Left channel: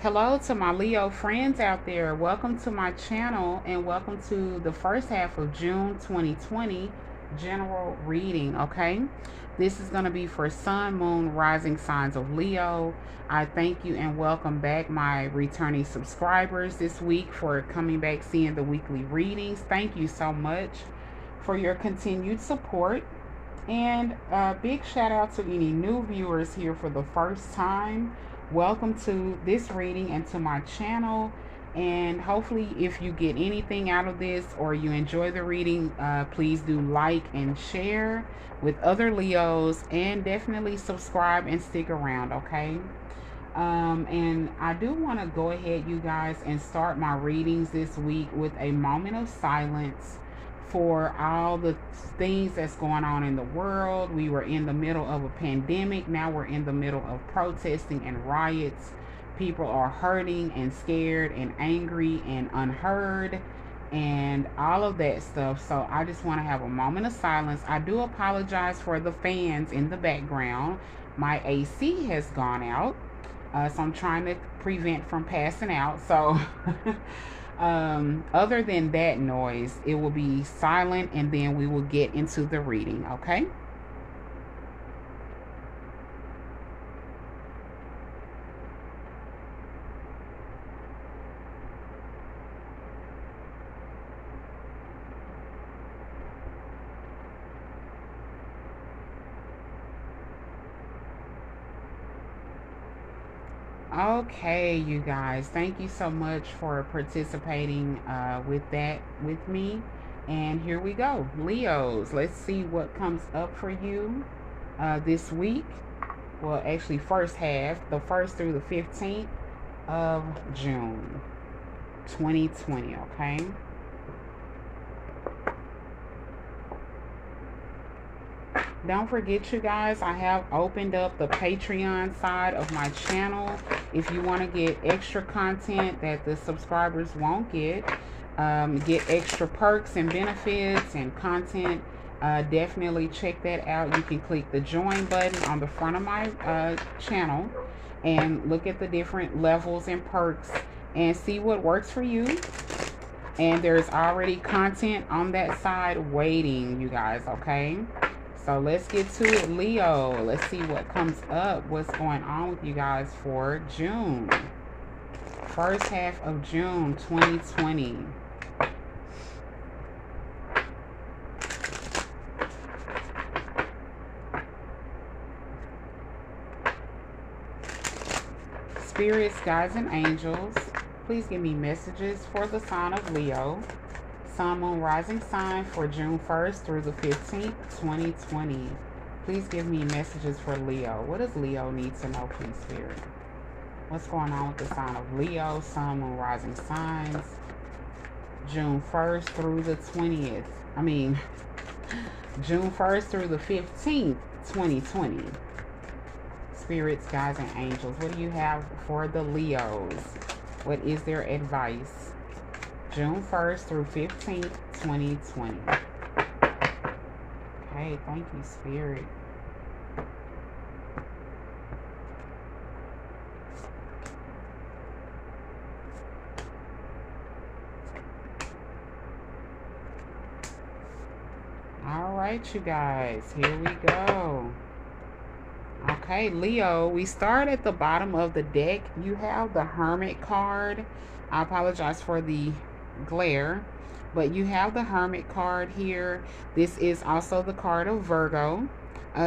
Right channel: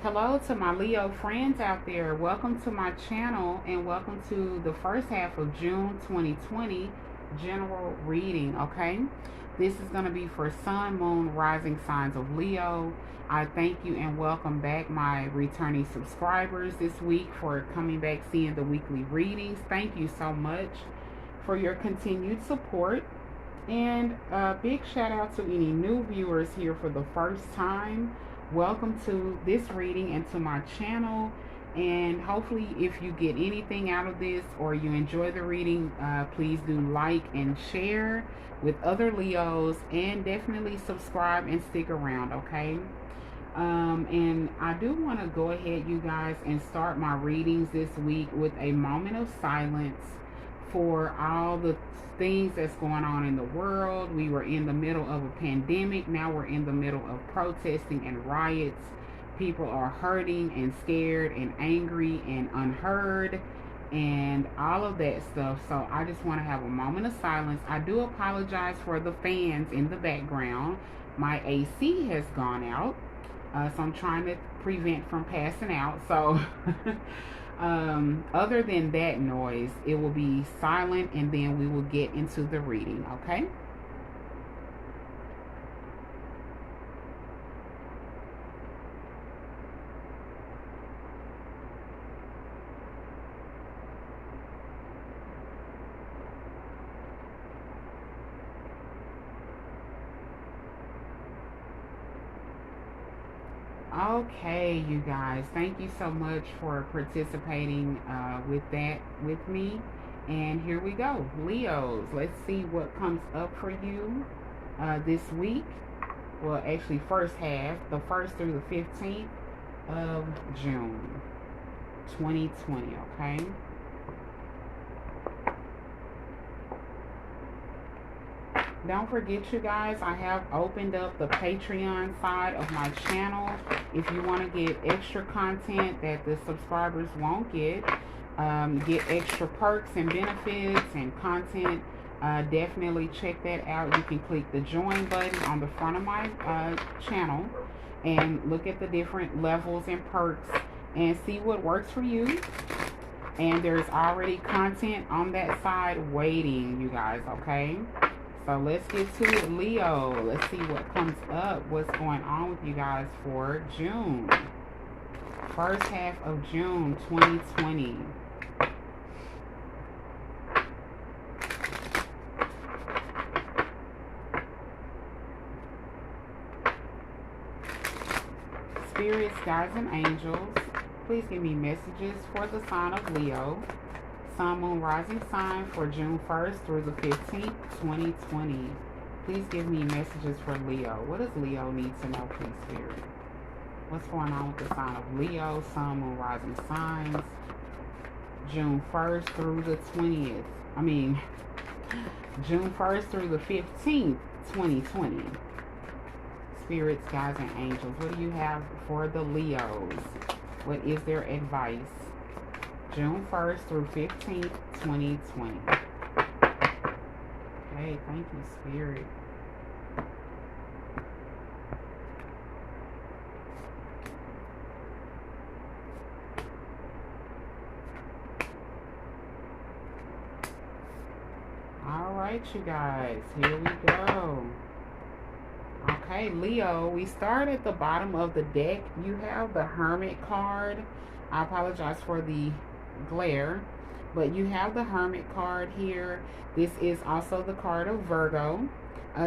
Hello to my Leo friends out there. Welcome to my channel and welcome to the first half of June 2020 general reading, okay? This is going to be for Sun, Moon, Rising signs of Leo. I thank you and welcome back my returning subscribers this week for coming back seeing the weekly readings. Thank you so much for your continued support. And a big shout out to any new viewers here for the first time. Welcome to this reading and to my channel. And hopefully, if you get anything out of this or you enjoy the reading, please do like and share with other Leos, and definitely subscribe and stick around, okay? And I do want to go ahead, you guys, and start my readings this week with a moment of silence for all the things that's going on in the world. We were in the middle of a pandemic. Now we're in the middle of protesting and riots. People are hurting and scared and angry and unheard and all of that stuff. So I just want to have a moment of silence. I do apologize for the fans in the background. My AC has gone out. So I'm trying to prevent from passing out. So other than that noise, it will be silent and then we will get into the reading, okay? Okay, you guys, thank you so much for participating with that with me. And here we go. Leos, let's see what comes up for you this week. Well, actually, first half, the 1st through the 15th of June 2020, okay? Don't forget, you guys, I have opened up the Patreon side of my channel. If you want to get extra content that the subscribers won't get extra perks and benefits and content, definitely check that out. You can click the join button on the front of my channel and look at the different levels and perks and see what works for you. And there's already content on that side waiting, you guys, okay? So let's get to it, Leo. Let's see what comes up. What's going on with you guys for June. First half of June 2020. Spirits, guides, and angels, please give me messages for the sign of Leo. Sun, Moon, Rising sign for June 1st through the 15th, 2020. Please give me messages for Leo. What does Leo need to know, please, Spirit? What's going on with the sign of Leo, Sun, Moon, Rising signs, June 1st through the 20th. June 1st through the 15th, 2020. Spirits, guides, and angels, what do you have for the Leos? What is their advice? June 1st through 15th, 2020. Okay, thank you, Spirit. All right, you guys, here we go. Okay, Leo, we start at the bottom of the deck. You have the Hermit card. I apologize for the glare, but you have the Hermit card here. This is also the card of Virgo.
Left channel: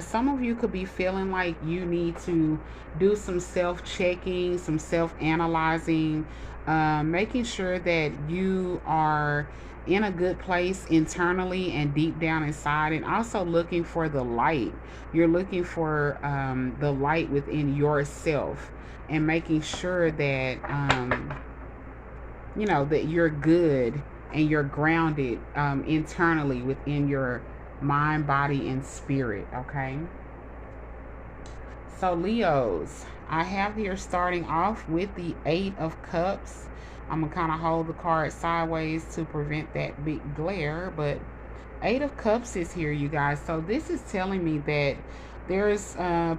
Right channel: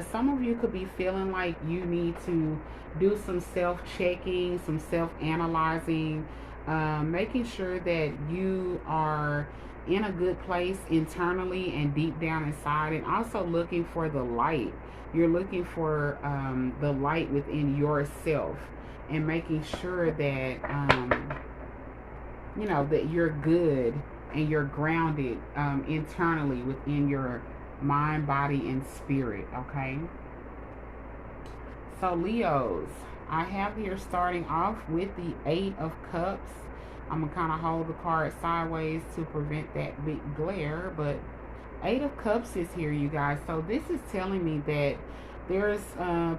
Some of you could be feeling like you need to do some self-checking, some self-analyzing, making sure that you are in a good place internally and deep down inside, and also looking for the light. You're looking for the light within yourself and making sure that you know, that you're good and you're grounded internally within your mind, body, and spirit, okay? So, Leos, I have here starting off with the 8 of Cups. I'm going to kind of hold the card sideways to prevent that big glare, but 8 of Cups is here, you guys. So this is telling me that There's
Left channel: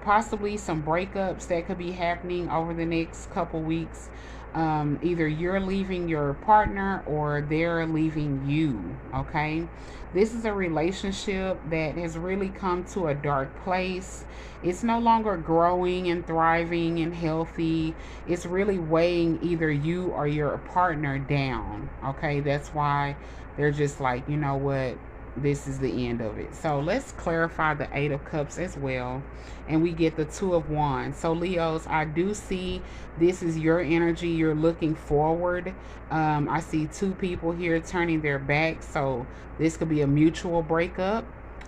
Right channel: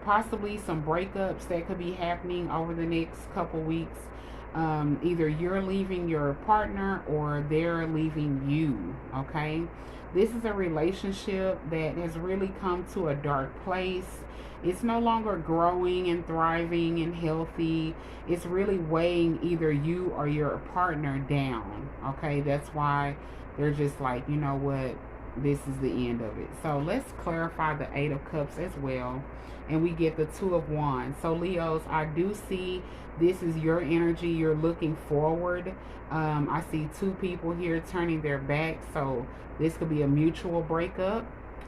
possibly some breakups that could be happening over the next couple weeks. Either you're leaving your partner or they're leaving you, okay? This is a relationship that has really come to a dark place. It's no longer growing and thriving and healthy. It's really weighing either you or your partner down, okay? That's why they're just like, you know what? This is the end of it. So let's clarify the Eight of Cups as well. And we get the Two of Wands. So Leos, I do see this is your energy. You're looking forward. I see two people here turning their back. So this could be a mutual breakup.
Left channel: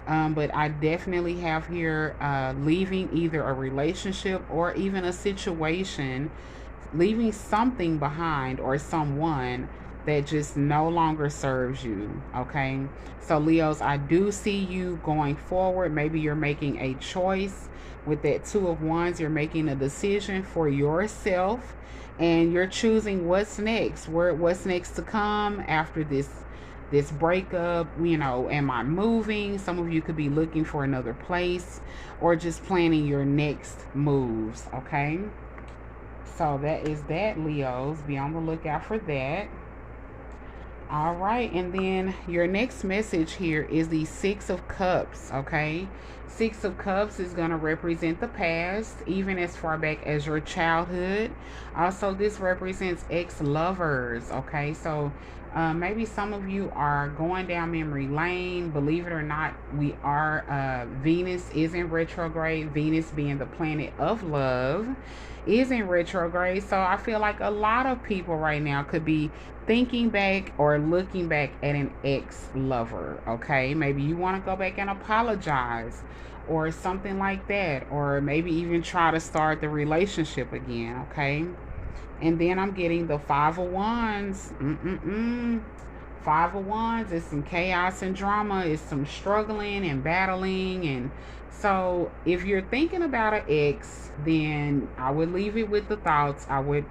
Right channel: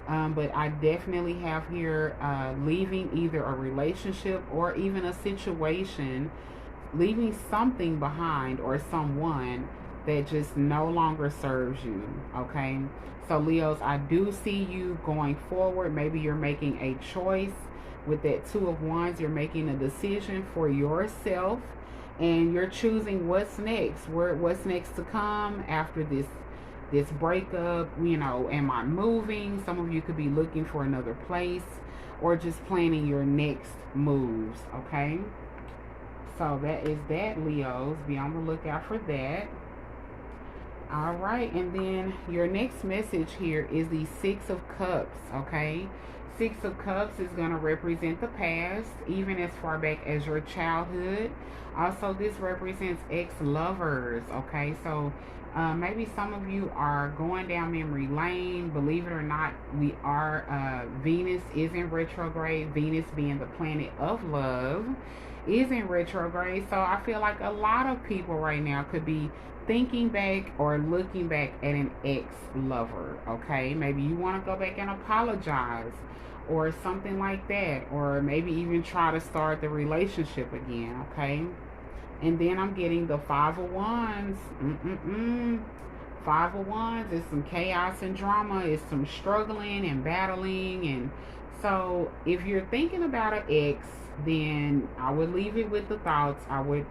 But I definitely have here leaving either a relationship or even a situation, leaving something behind or someone that just no longer serves you, okay? So Leos, I do see you going forward. Maybe you're making a choice with that Two of Wands. You're making a decision for yourself and you're choosing what's next, what's next to come after this breakup. You know, am I moving? Some of you could be looking for another place or just planning your next moves, okay? So that is that, Leos. Be on the lookout for that. All right, and then your next message here is the Six of Cups, okay? Six of Cups is going to represent the past, even as far back as your childhood. Also, this represents ex-lovers, okay? So maybe some of you are going down memory lane. Believe it or not, we are, Venus is in retrograde. Venus being the planet of love is in retrograde. So I feel like a lot of people right now could be thinking back or looking back at an ex-lover, okay? Maybe you want to go back and apologize or something like that, or maybe even try to start the relationship again, okay? And then I'm getting the Five of Wands. Five of Wands is some chaos and drama. It's some struggling and battling. And so if you're thinking about an ex, then I would leave it with the thoughts. I would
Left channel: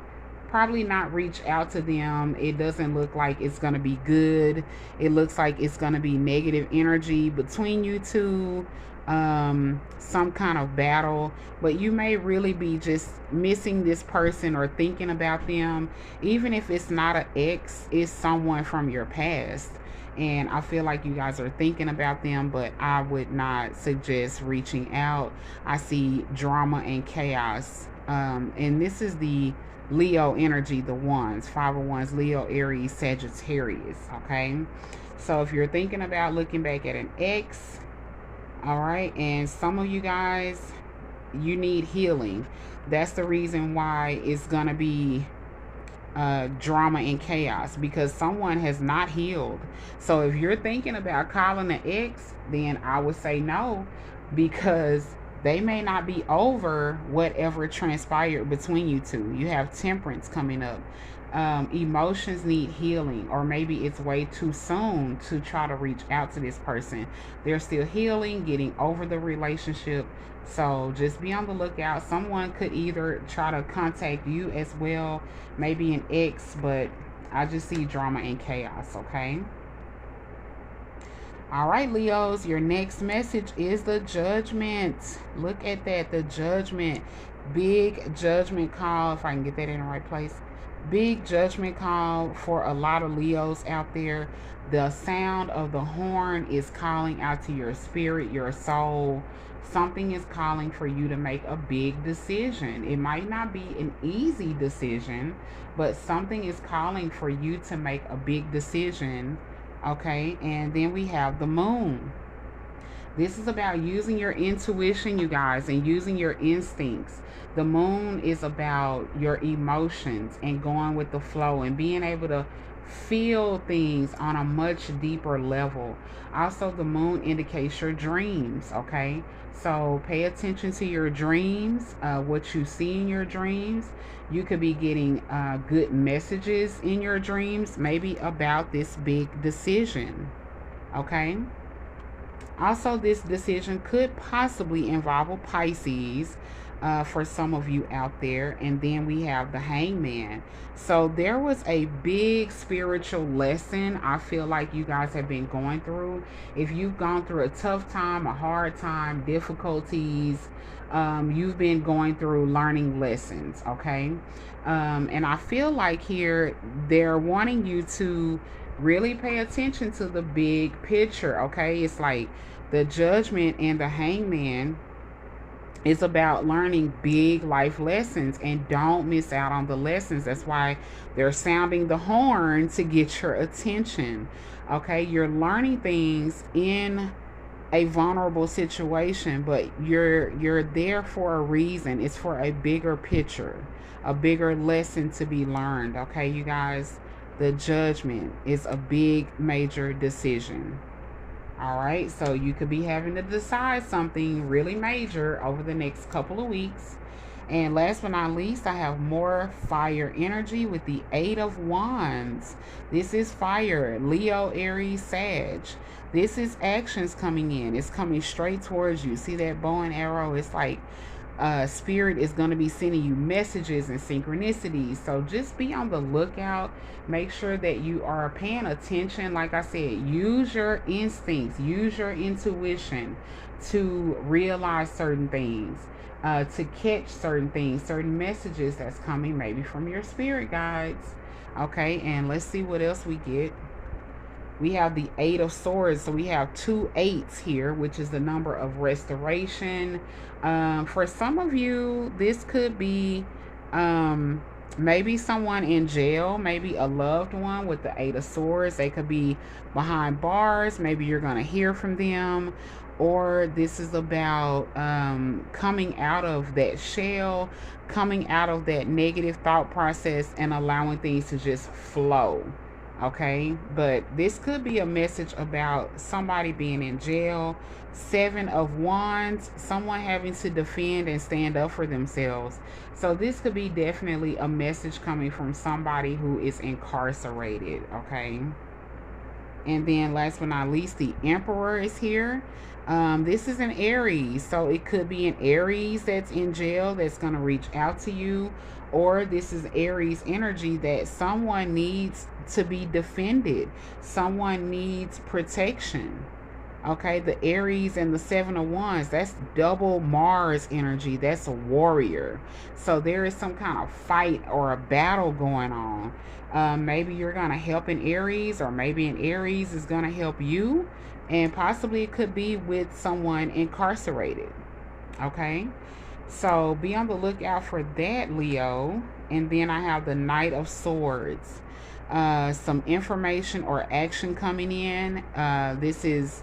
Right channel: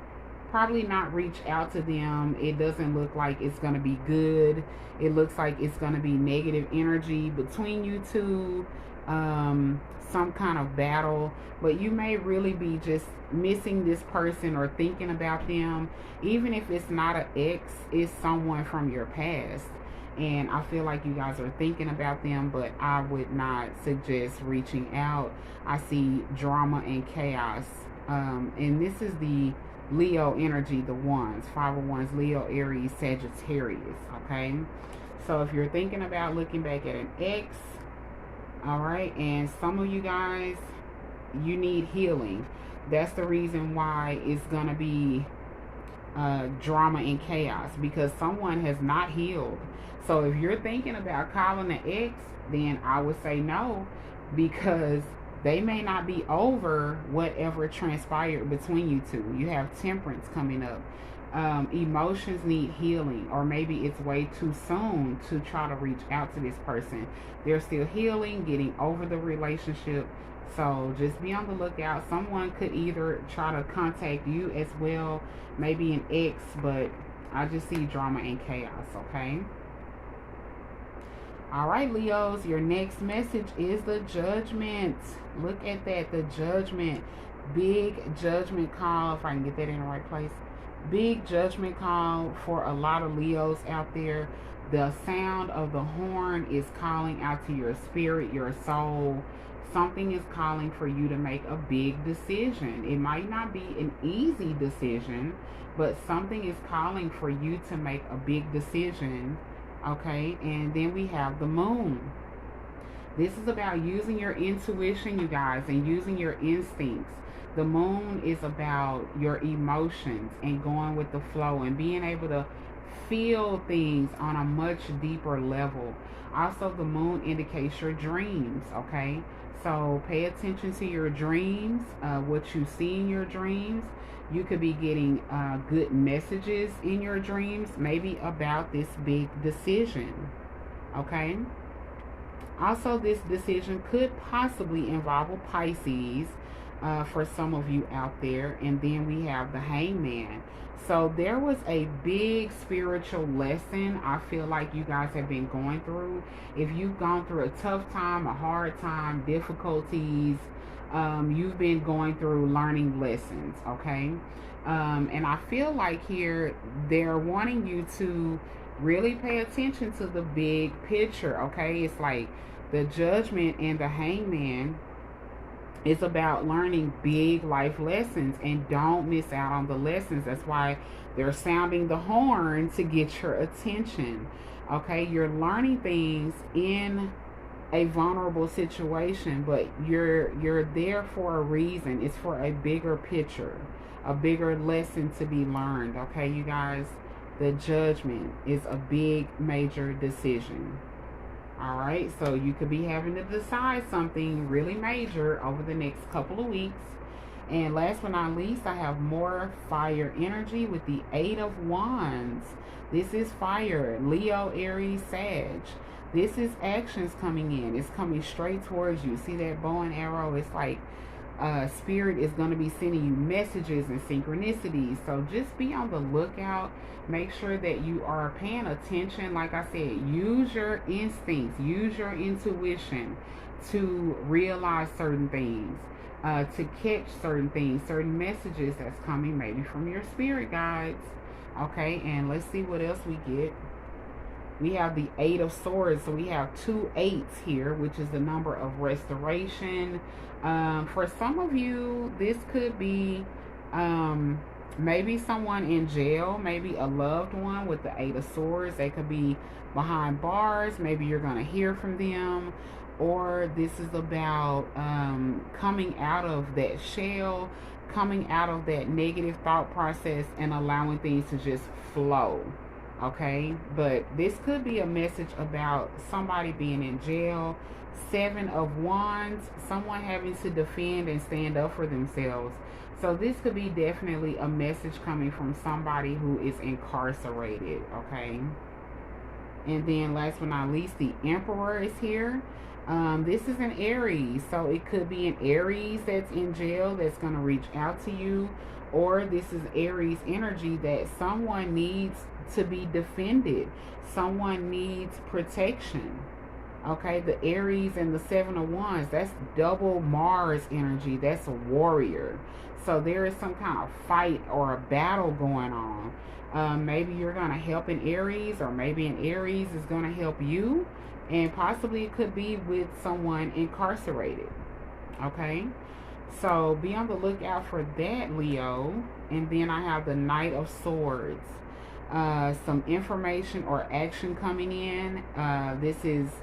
probably not reach out to them. It doesn't look like it's going to be good. It looks like it's going to be negative energy between you two, some kind of battle. But you may really be just missing this person or thinking about them. Even if it's not an ex, it's someone from your past. And I feel like you guys are thinking about them, but I would not suggest reaching out. I see drama and chaos. And this is the Leo energy, the Wands, Five of Wands, Leo, Aries, Sagittarius, okay? So if you're thinking about looking back at an ex, all right, and some of you guys, you need healing. That's the reason why it's going to be drama and chaos, because someone has not healed. So if you're thinking about calling an ex, then I would say no, because they may not be over whatever transpired between you two. You have Temperance coming up. Emotions need healing, or maybe it's way too soon to try to reach out to this person. They're still healing, getting over the relationship. So just be on the lookout. Someone could either try to contact you as well, maybe an ex, but I just see drama and chaos, okay? All right, Leos, your next message is the Judgment. Look at that, the Judgment. Big judgment call, if I can get that in the right place. Big judgment call for a lot of Leos out there. The sound of the horn is calling out to your spirit, your soul. Something is calling for you to make a big decision. It might not be an easy decision, but something is calling for you to make a big decision. Okay, and then we have the moon. This is about using your intuition, you guys, and using your instincts. The moon is about your emotions and going with the flow and being able to feel things on a much deeper level. Also, the moon indicates your dreams, okay? So pay attention to your dreams, what you see in your dreams. You could be getting good messages in your dreams, maybe about this big decision, okay? Also, this decision could possibly involve a Pisces. for some of you out there. And then we have the Hangman. So there was a big spiritual lesson I feel like you guys have been going through. If you've gone through a tough time, a hard time, difficulties, you've been going through learning lessons, okay? And I feel like here they're wanting you to really pay attention to the big picture, okay? It's like the Judgment and the Hangman is about learning big life lessons, and don't miss out on the lessons. That's why they're sounding the horn to get your attention. Okay, you're learning things in a vulnerable situation, but you're there for a reason. It's for a bigger picture, a bigger lesson to be learned. Okay, you guys, the Judgment is a big major decision. All right, so you could be having to decide something really major over the next couple of weeks. And last but not least, I have more fire energy with the Eight of Wands. This is fire, Leo, Aries, Sag. This is actions coming in. It's coming straight towards you. See that bow and arrow? It's like Spirit is going to be sending you messages and synchronicities. So just be on the lookout. Make sure that you are paying attention. Like I said, use your instincts, use your intuition to realize certain things, to catch certain things, certain messages that's coming maybe from your spirit guides. Okay, and let's see what else we get. We have the Eight of Swords. So we have 2 8s here, which is the number of restoration. For some of you, this could be maybe someone in jail, maybe a loved one with the Eight of Swords. They could be behind bars. Maybe you're going to hear from them. Or this is about coming out of that shell, coming out of that negative thought process and allowing things to just flow. Okay, but this could be a message about somebody being in jail. 7 of Wands, someone having to defend and stand up for themselves. So this could be definitely a message coming from somebody who is incarcerated. Okay, and then last but not least, the Emperor is here. This is an Aries, so it could be an Aries that's in jail that's going to reach out to you, or this is Aries energy that someone needs to be defended. Someone needs protection. Okay, the Aries and the 7 of Wands, that's double Mars energy. That's a warrior. So there is some kind of fight or a battle going on. Maybe you're going to help an Aries, or maybe an Aries is going to help you. And possibly it could be with someone incarcerated. Okay, so be on the lookout for that, Leo. And then I have the Knight of Swords. Some information or action coming in. This is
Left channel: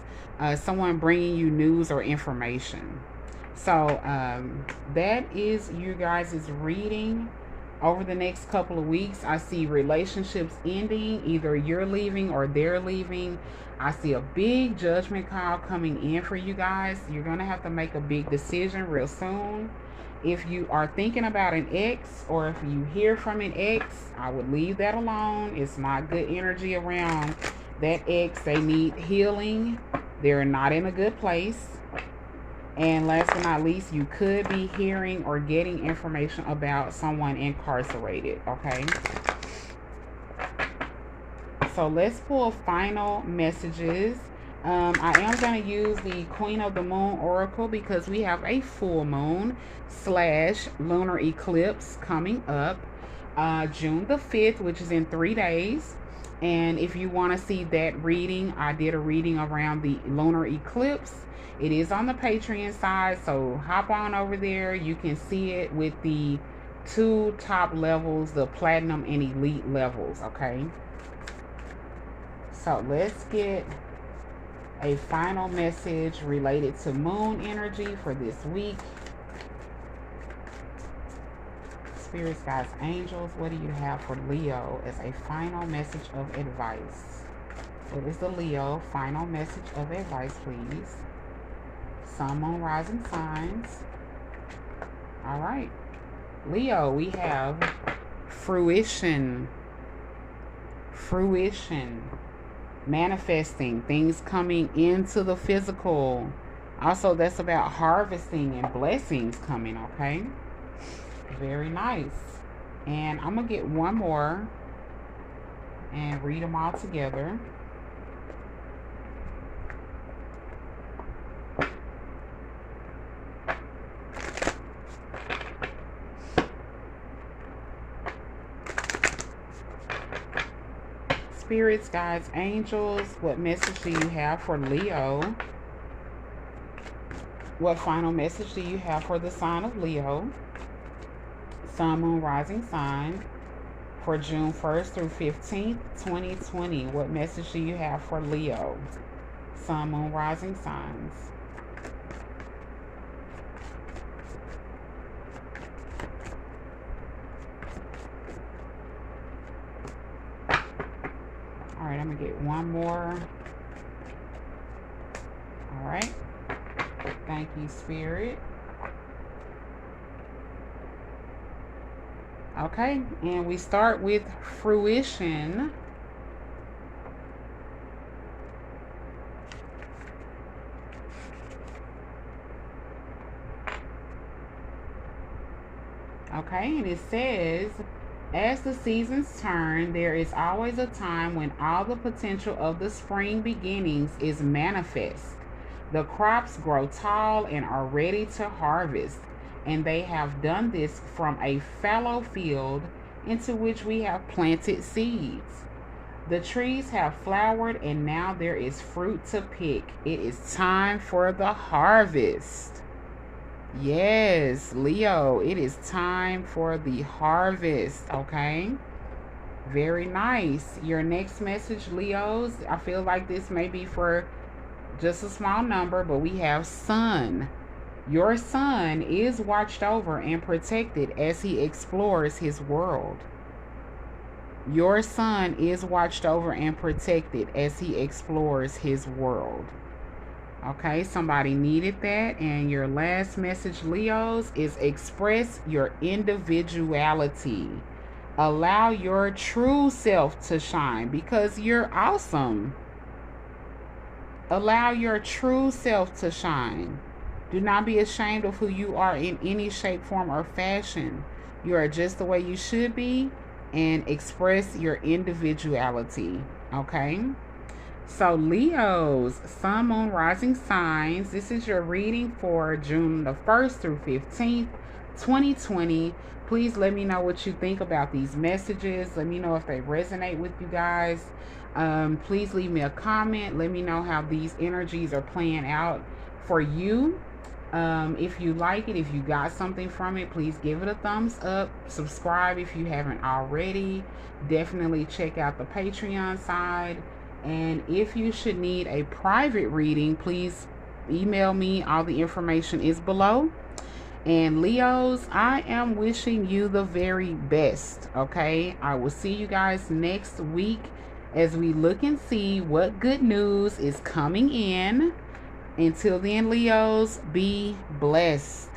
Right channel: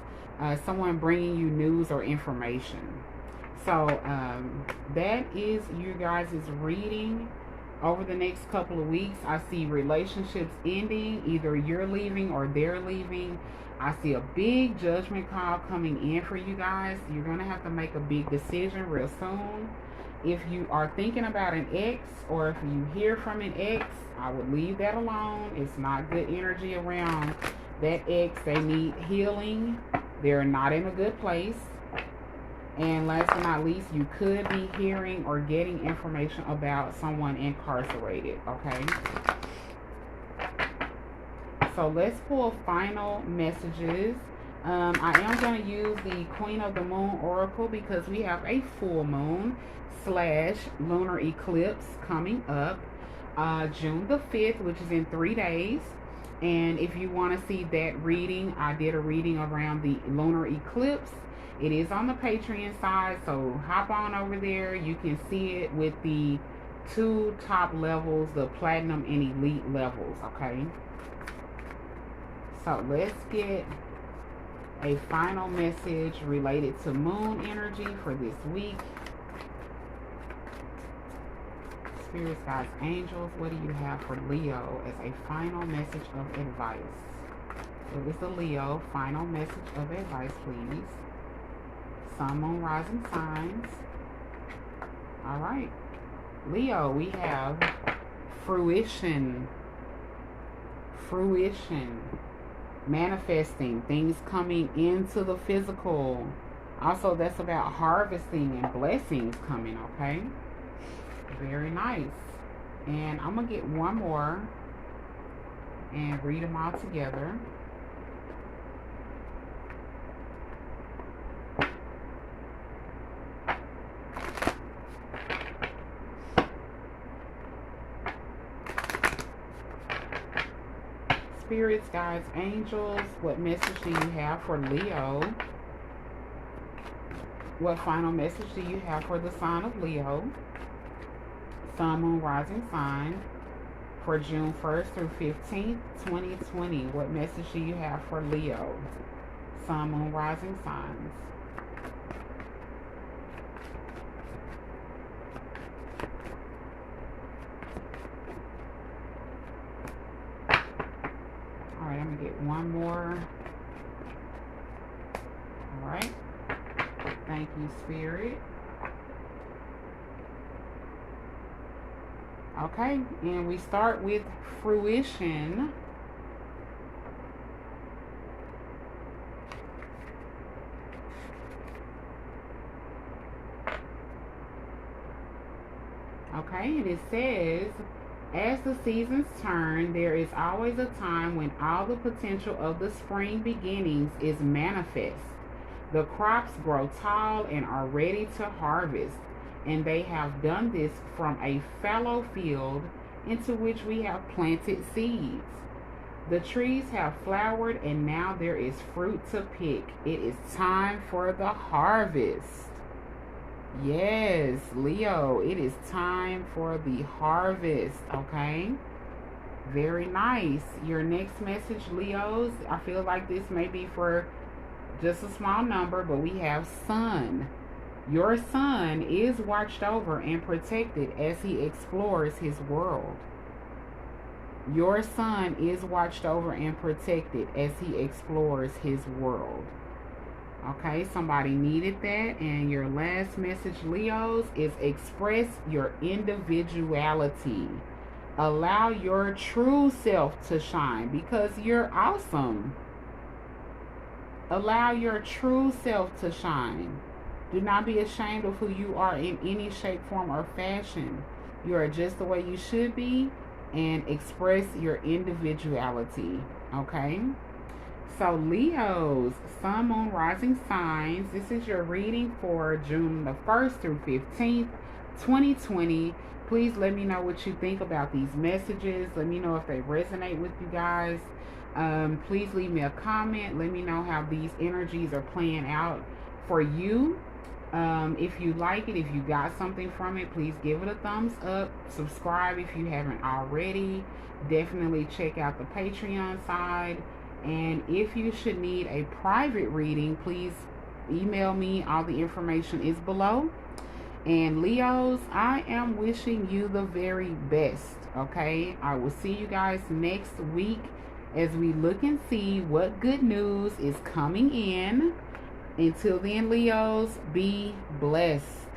someone bringing you news or information. So that is you guys' reading over the next couple of weeks. I see relationships ending. Either you're leaving or they're leaving. I see a big judgment call coming in for you guys. You're going to have to make a big decision real soon. If you are thinking about an ex, or if you hear from an ex, I would leave that alone. It's not good energy around that ex. They need healing. They're not in a good place. And last but not least, you could be hearing or getting information about someone incarcerated. Okay. So let's pull final messages. I am going to use the Queen of the Moon Oracle because we have a full moon / lunar eclipse coming up June the 5th, which is in 3 days. And if you want to see that reading, I did a reading around the lunar eclipse. It is on the Patreon side, so hop on over there. You can see it with the 2 top levels, the platinum and elite levels. Okay, so let's get a final message related to moon energy for this week. Spirits, guides, angels, what do you have for Leo as a final message of advice? It was the Leo final message of advice, please. Sun, moon, rising signs. All right, Leo, we have fruition, manifesting, things coming into the physical, Also, that's about harvesting and blessings coming, okay? Very nice. And I'm going to get one more and read them all together. Spirits, guides, angels, what message do you have for Leo? What final message do you have for the sign of Leo? Sun, moon, rising sign for June 1st through 15th, 2020. What message do you have for Leo? Sun, moon, rising signs. All right, I'm going to get one more. All right. Thank you, Spirit. Okay, and we start with fruition. Okay, and it says, as the seasons turn, there is always a time when all the potential of the spring beginnings is manifest. The crops grow tall and are ready to harvest, and they have done this from a fallow field into which we have planted seeds. The trees have flowered, and now there is fruit to pick. It is time for the harvest. Yes, Leo, it is time for the harvest, okay? Very nice. Your next message, Leos, I feel like this may be for just a small number, but we have sun. Your son is watched over and protected as he explores his world. Your son is watched over and protected as he explores his world. Okay, somebody needed that. And your last message, Leos, is express your individuality. Allow your true self to shine because you're awesome. Allow your true self to shine. Do not be ashamed of who you are in any shape, form, or fashion. You are just the way you should be, and express your individuality. Okay? So Leos, sun, moon, rising signs. This is your reading for June the 1st through 15th, 2020. Please let me know what you think about these messages. Let me know if they resonate with you guys. Please leave me a comment. Let me know how these energies are playing out for you. If you like it, if you got something from it, please give it a thumbs up. Subscribe if you haven't already. Definitely check out the Patreon side. And if you should need a private reading, please email me. All the information is below. And Leos, I am wishing you the very best. Okay, I will see you guys next week as we look and see what good news is coming in. Until then, Leos, be blessed.